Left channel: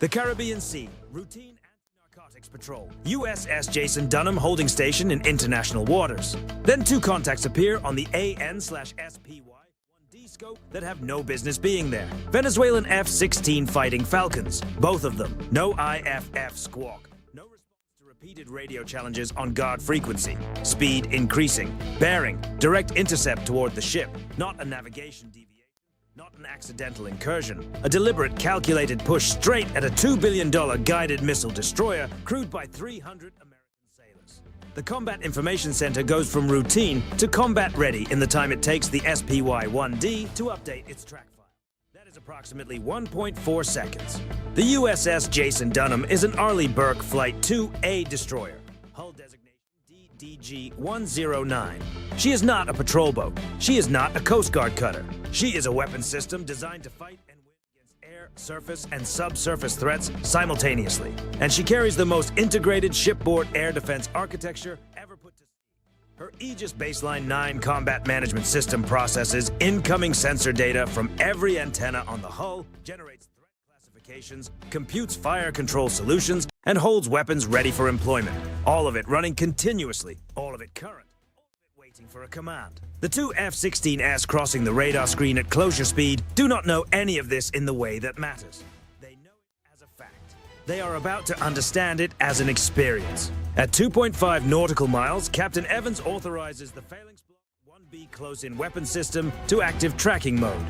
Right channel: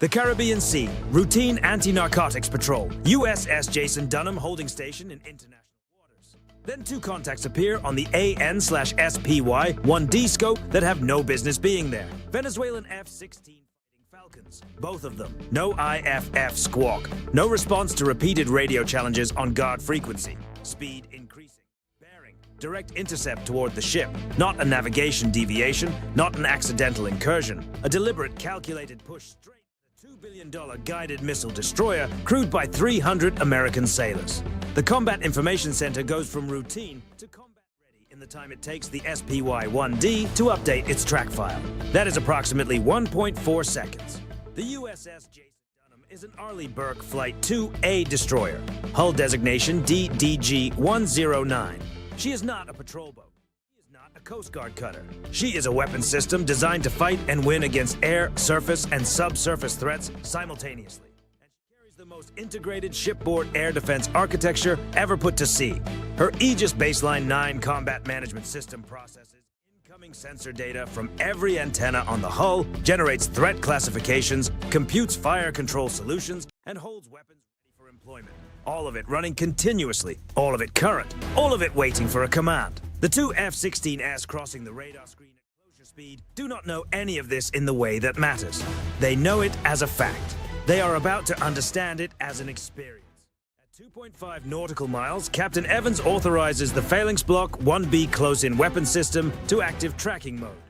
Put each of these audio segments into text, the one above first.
The Caribbean Sea, routine anti-narcotics patrol. USS Jason Dunham holding station in international waters. Then two contacts appear on the AN/SPY-1D scope that have no business being there. Venezuelan F-16 fighting Falcons, both of them. No IFF squawk. No response to repeated radio challenges on guard frequency. Speed increasing. Bearing, direct intercept toward the ship. Not a navigation deviation, not an accidental incursion. A deliberate, calculated push straight at a $2 billion guided missile destroyer crewed by 300 American sailors. The Combat Information Center goes from routine to combat ready in the time it takes the SPY-1D to update its track file. That is approximately 1.4 seconds. The USS Jason Dunham is an Arleigh Burke Flight 2A destroyer, hull designation DDG-109. She is not a patrol boat. She is not a Coast Guard cutter. She is a weapons system designed to fight and win against air, surface, and subsurface threats simultaneously. And she carries the most integrated shipboard air defense architecture ever put to sea. Her Aegis Baseline 9 combat management system processes incoming sensor data from every antenna on the hull, generates threat classifications, computes fire control solutions, and holds weapons ready for employment. All of it running continuously, all of it current, all of it waiting for a command. The two F-16s crossing the radar screen at closure speed do not know any of this in the way that matters. They know it as a fact. They are about to understand it as an experience. At 2.5 nautical miles, Captain Evans authorizes the Phalanx Block 1B close-in weapon system to active tracking mode.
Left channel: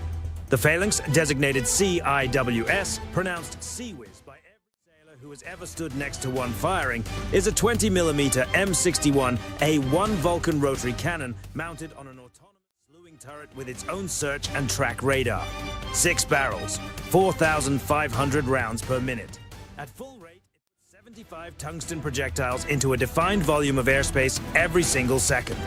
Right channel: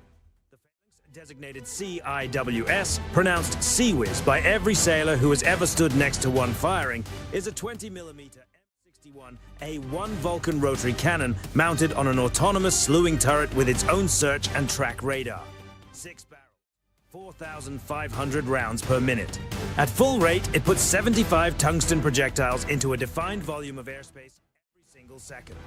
The Phalanx, designated CIWS, pronounced CWIS by every sailor who has ever stood next to one firing, is a 20mm M61A1 Vulcan rotary cannon mounted on an autonomous slewing turret with its own search and track radar. 6 barrels, 4,500 rounds per minute. At full rate, it puts 75 tungsten projectiles into a defined volume of airspace every single second.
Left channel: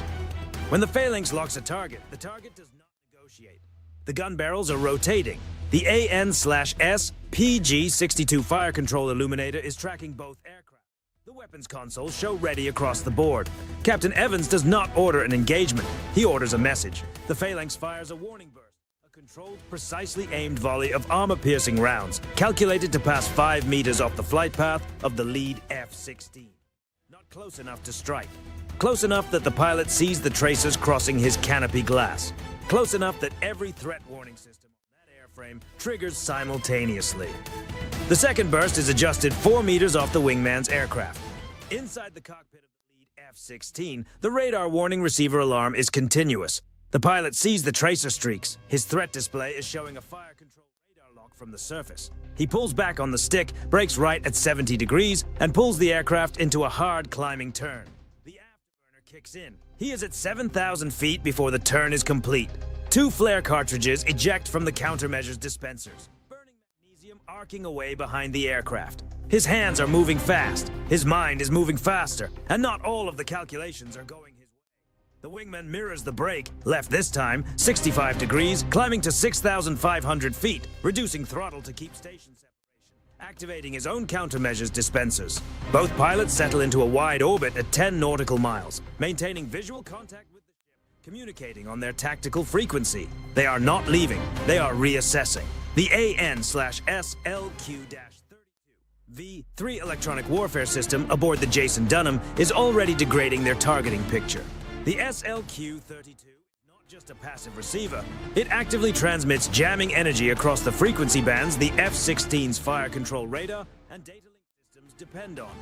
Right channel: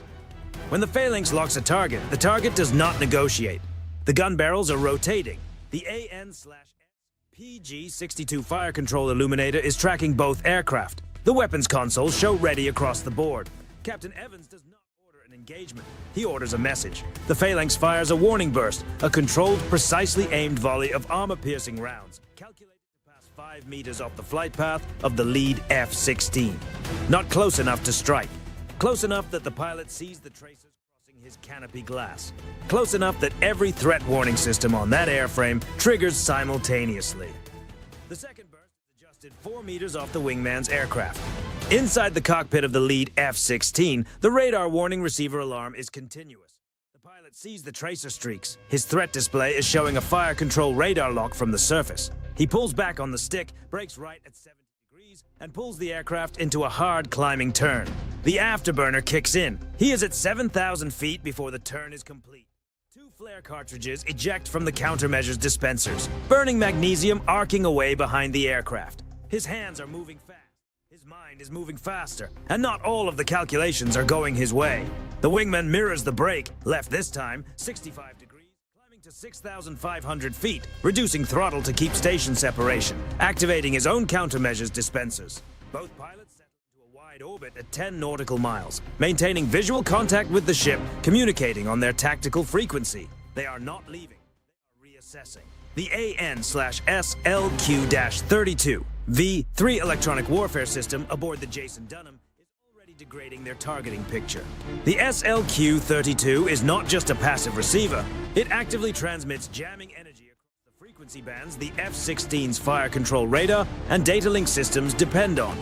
When the Phalanx locks a target, the target does not negotiate. The gun barrels are rotating. The AN/S PG-62 fire control illuminator is tracking both aircraft. The weapons consoles show ready across the board. Captain Evans does not order an engagement. He orders a message. The Phalanx fires a warning burst, a controlled, precisely aimed volley of armor-piercing rounds, calculated to pass 5 meters off the flight path of the lead F-16. Not close enough to strike. Close enough that the pilot sees the tracers crossing his canopy glass. Close enough that every threat warning system on that airframe triggers simultaneously. The second burst is adjusted 4 meters off the wingman's aircraft. Inside the cockpit of the lead F-16, the radar warning receiver alarm is continuous. The pilot sees the tracer streaks. His threat display is showing a fire control radar lock from the surface. He pulls back on the stick, brakes right at 70 degrees, and pulls the aircraft into a hard climbing turn. The afterburner kicks in. He is at 7,000 feet before the turn is complete. 2 flare cartridges eject from the countermeasures dispensers, burning magnesium arcing away behind the aircraft. His hands are moving fast. His mind is moving faster, and not all of the calculations are going his way. The wingman mirrors the brake, left this time, 65 degrees, climbing to 6,500 feet, reducing throttle to keep station separation, activating his own countermeasures dispensers. Both pilots settle into a wide orbit at 10 nautical miles, maintaining visual contact with the ship, communicating on their tactical frequency. They are not leaving, they are reassessing. The AN/SLQ-32 V3 electronic warfare system aboard the Jason Dunham is already degrading their targeting picture. The SLQ-32 is not just a passive receiver. It actively transmits jamming energy across the frequency bands the F-16's fire control radar and data link systems depend on.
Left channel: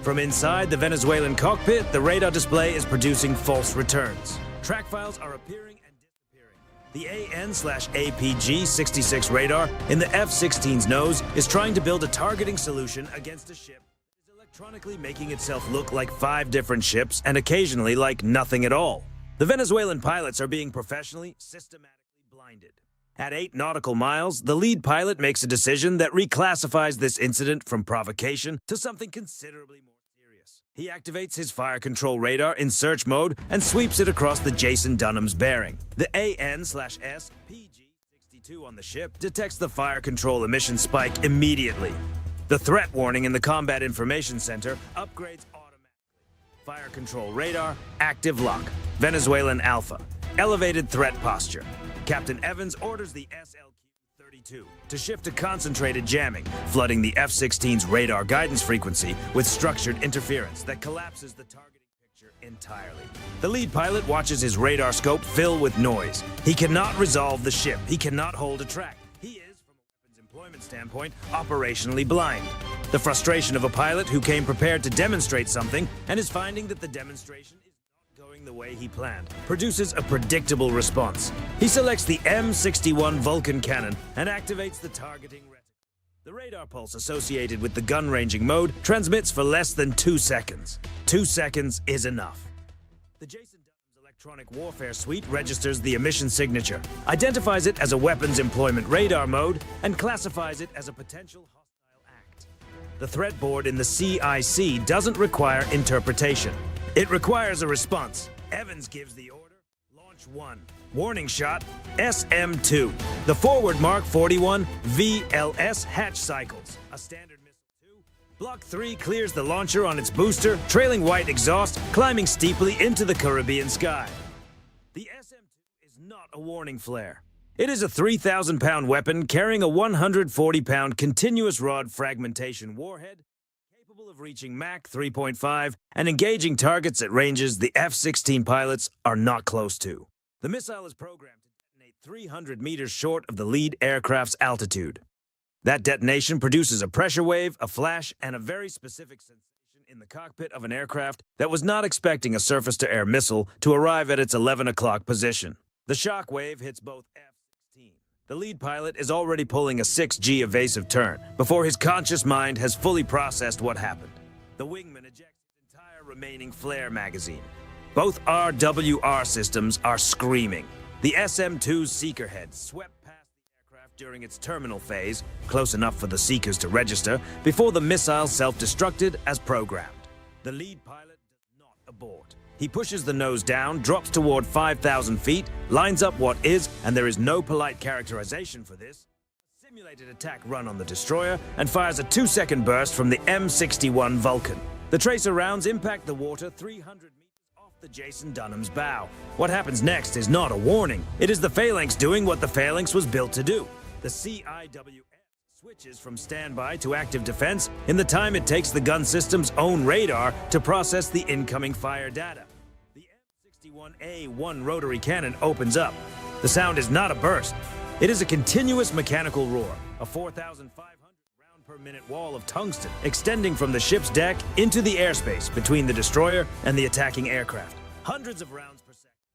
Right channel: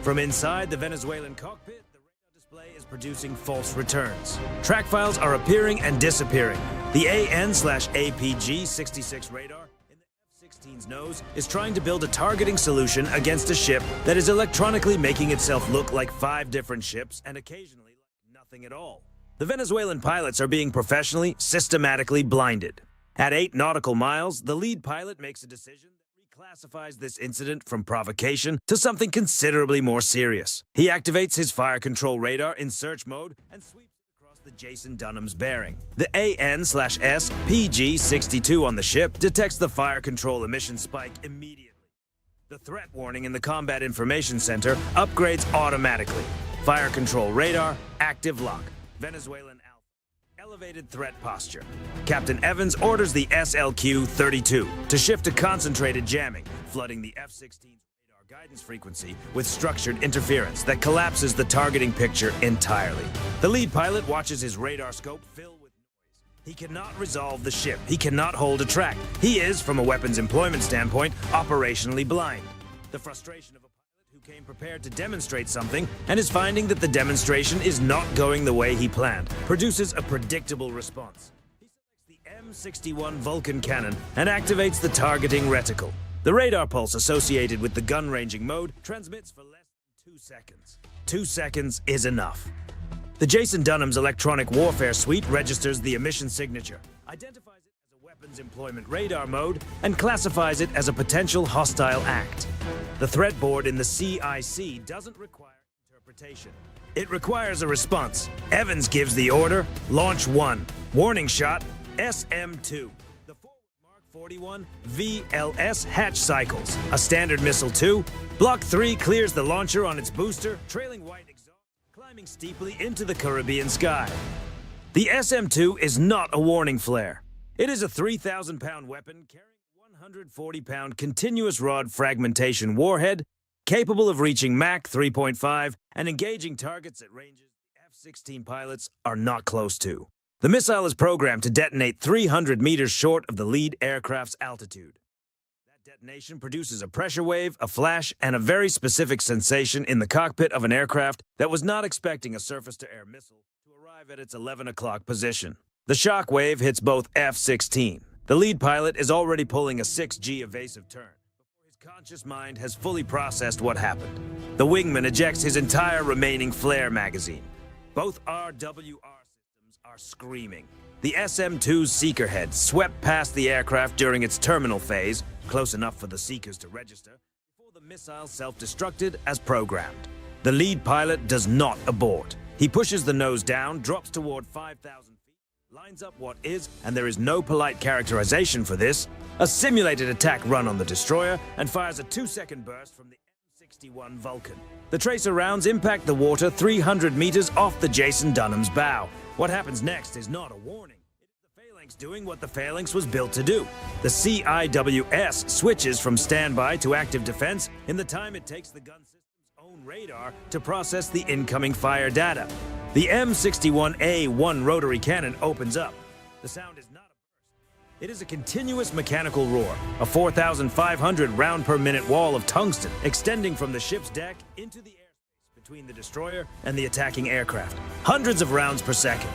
From inside the Venezuelan cockpit, the radar display is producing false returns. Track files are appearing and disappearing. The AN/APG-66 radar in the F-16's nose is trying to build a targeting solution against a ship that is electronically making itself look like 5 different ships and occasionally like nothing at all. The Venezuelan pilots are being professionally, systematically blinded. At 8 nautical miles, the lead pilot makes a decision that reclassifies this incident from provocation to something considerably more serious. He activates his fire control radar in search mode and sweeps it across the Jason Dunham's bearing. The AN/S PG-62 on the ship detects the fire control emission spike immediately. The threat warning in the Combat Information Center upgrades automatically. Fire control radar, active lock. Venezuelan Alpha. Elevated threat posture. Captain Evans orders the SLQ-32 to shift to concentrated jamming, flooding the F-16's radar guidance frequency with structured interference that collapses the targeting picture entirely. The lead pilot watches his radar scope fill with noise. He cannot resolve the ship. He cannot hold a track. He is, from a weapons employment standpoint, operationally blind. The frustration of a pilot who came prepared to demonstrate something and is finding that the demonstration is not going the way he planned produces a predictable response. He selects the M61 Vulcan cannon and activates the targeting reticle. The radar pulse associated with the gun ranging mode transmits for less than 2 seconds. 2 seconds is enough. The Jason Dunham's electronic warfare suite registers the emission signature, identifies it as a weapons employment radar mode, and classifies it as a potential hostile act. The threat board in the CIC doesn't require interpretation. It requires a response. Evans gives the order, Launch 1. Warning shot, SM-2. The forward Mark 41 VLS hatch cycles. A standard missile 2. Block 3 clears the launcher on its booster, trailing white exhaust, climbing steeply into the Caribbean sky. The SM-2 is not a warning flare. It is a 3,000-pound weapon carrying a 140-pound continuous rod fragmentation warhead, capable of reaching Mach 3.5 and engaging targets at ranges the F-16 pilots are not close to. The missile is programmed to detonate 300 meters short of the lead aircraft's altitude. That detonation produces a pressure wave, a flash, and a very specific sensation in the cockpit of an aircraft that was not expecting a surface-to-air missile to arrive at its 11 o'clock position. The shock wave hits both F-16. The lead pilot is already pulling a 6G evasive turn before his conscious mind has fully processed what happened. The wingman ejects his entire remaining flare magazine. Both RWR systems are screaming. The SM-2's seeker head swept past the aircraft during its terminal phase, close enough for the seekers to register, before the missile self-destructed as programmed. The lead pilot does not abort. He pushes the nose down, drops toward 5,000 feet, lines up what is, and there is no polite characterization for this, a simulated attack run on the destroyer, and fires a 2-second burst from the M61 Vulcan. The tracer rounds impact the water 300 meters off the Jason Dunham's bow. What happens next is not a warning. It is the Phalanx doing what the Phalanx was built to do. The CIWS switches from standby to active defense in the time it takes the gun system's own radar to process the incoming fire data. The M61A1 rotary cannon opens up. The sound is not a burst. It is a continuous mechanical roar, a 4,500 round per minute wall of tungsten extending from the ship's deck into the airspace between the destroyer and the attacking aircraft. Hundreds of rounds per second.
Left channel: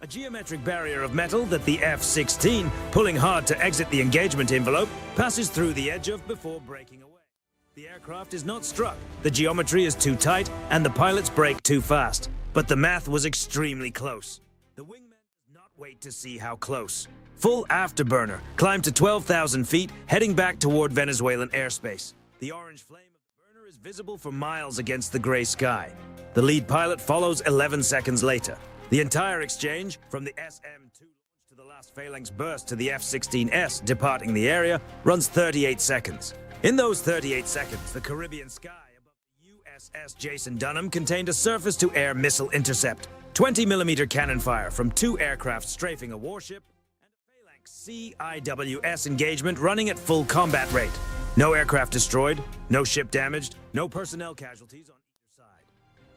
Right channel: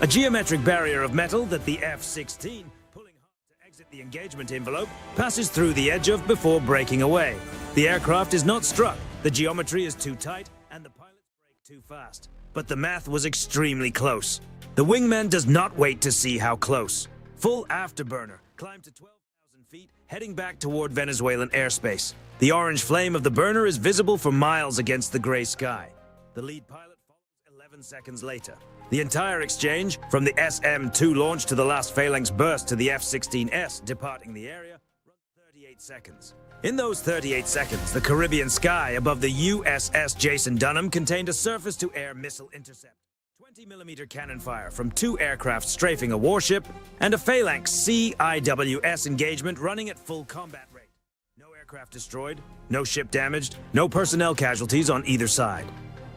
A geometric barrier of metal that the F-16, pulling hard to exit the engagement envelope, passes through the edge of before breaking away. The aircraft is not struck, the geometry is too tight, and the pilots brake too fast. But the math was extremely close. The wingman does not wait to see how close. Full afterburner, climb to 12,000 feet, heading back toward Venezuelan airspace. The orange flame of the burner is visible for miles against the gray sky. The lead pilot follows 11 seconds later. The entire exchange, from the SM-2 launch to the last Phalanx burst to the F-16S departing the area, runs 38 seconds. In those 38 seconds, the Caribbean sky above the USS Jason Dunham contained a surface-to-air missile intercept, 20mm cannon fire from 2 aircraft strafing a warship, and a Phalanx CIWS engagement running at full combat rate. No aircraft destroyed, no ship damaged, no personnel casualties on either side.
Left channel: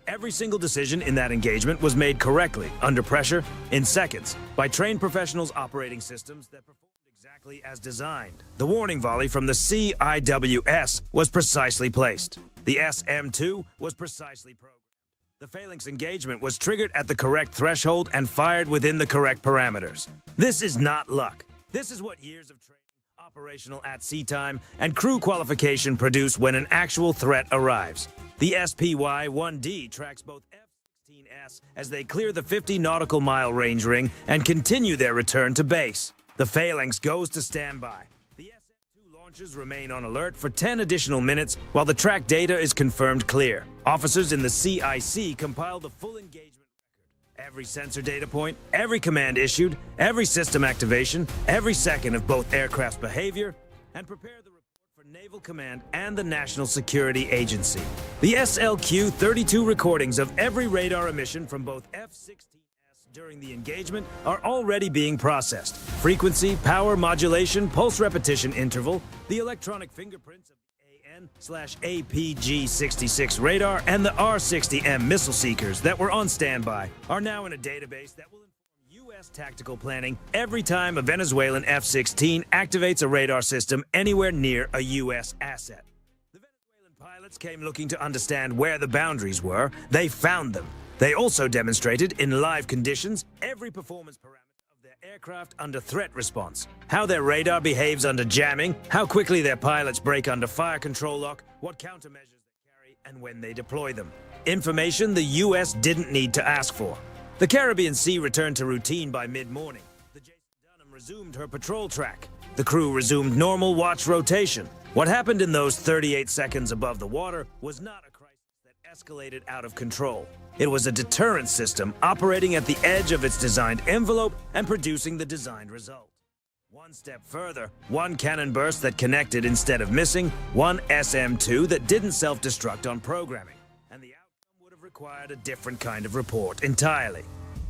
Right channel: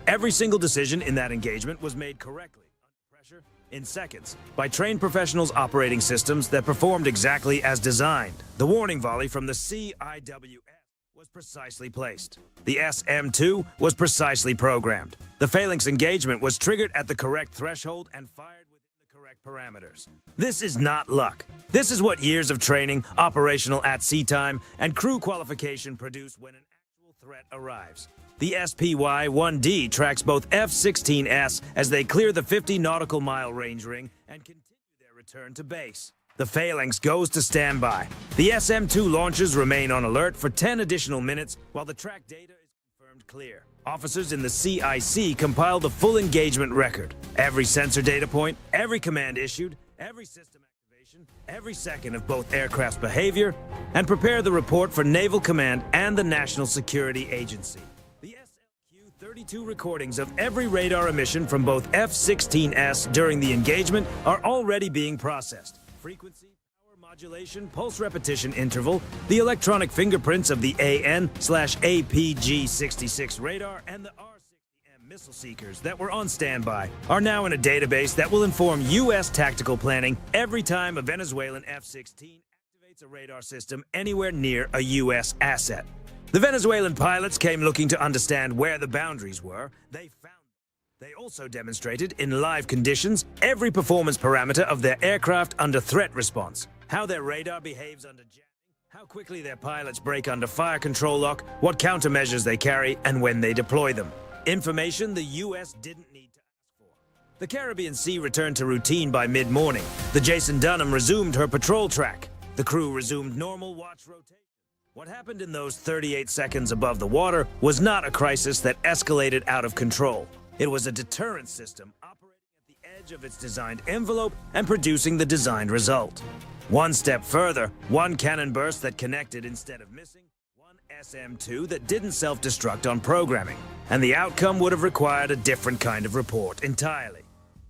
Every single decision in that engagement was made correctly, under pressure, in seconds, by trained professionals operating systems that performed exactly as designed. The warning volley from the CIWS was precisely placed. The SM-2 was precisely programmed. The Phalanx engagement was triggered at the correct threshold and fired within the correct parameters. This is not luck. This is what years of training, operational at sea time, and crew qualification produce when an actual threat arrives. The SPY-1D tracks both F-16s as they clear the 50 nautical mile range ring and continue their return to base. The Phalanx goes to standby. The SM-2 launchers remain on alert for 10 additional minutes while the track data is confirmed clear. Officers in the CIC compile the full engagement record. Every sensor data point, every command issued, every system activation, every second of both aircraft's behavior, and prepare the report for Naval Command and the National Security Agency. The SLQ-32 recordings of every radar emission from both F-16s during the engagement are already being processed. Frequency, power modulation, pulse repetition interval, the electronic fingerprints of the AN/APG-66 radar, and the R-60M missile seekers that were on standby are now in a database that will inform U.S. tactical planning every time a Venezuelan F-16 activates a radar system anywhere near a U.S. asset. The Venezuelan pilots came looking to understand where the boundaries were. They found them. They also demonstrated, in live conditions, every performance parameter of their aircraft under threat response. How their radar behaves under jamming, how quickly their pilots brake under fire control lock, what countermeasures they carry, and when they deploy them. Information the U.S. didn't need to ask for. The Caribbean Sea returned to routine by mid-morning. The Jason Dunham resumed her patrol track. The crew resumed normal watch rotation. What happened in those 38 seconds above the water was not a crisis that escalated out of control. It was a deterrence system operating at the edge of its designed envelope and producing the designed result. One step further, one cannon burst that connected instead of missing, one SM-2 that didn't self-destruct on programming, and the outcome would have required a different kind of report entirely.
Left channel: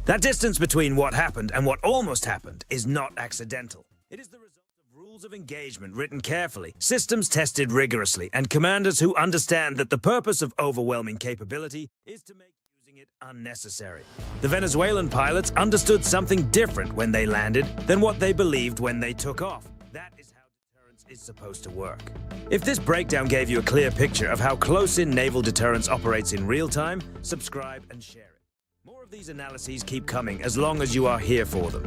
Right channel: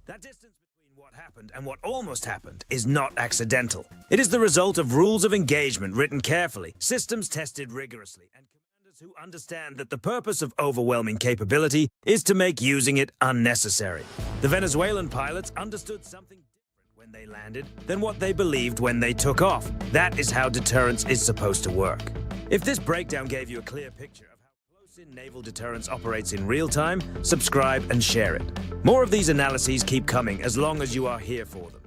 That distance between what happened and what almost happened is not accidental. It is the result of rules of engagement written carefully, systems tested rigorously, and commanders who understand that the purpose of overwhelming capability is to make using it unnecessary. The Venezuelan pilots understood something different when they landed than what they believed when they took off. That is how deterrence is supposed to work. If this breakdown gave you a clear picture of how close-in naval deterrence operates in real time, subscribe and share it. More of these analyses keep coming as long as you are here for them.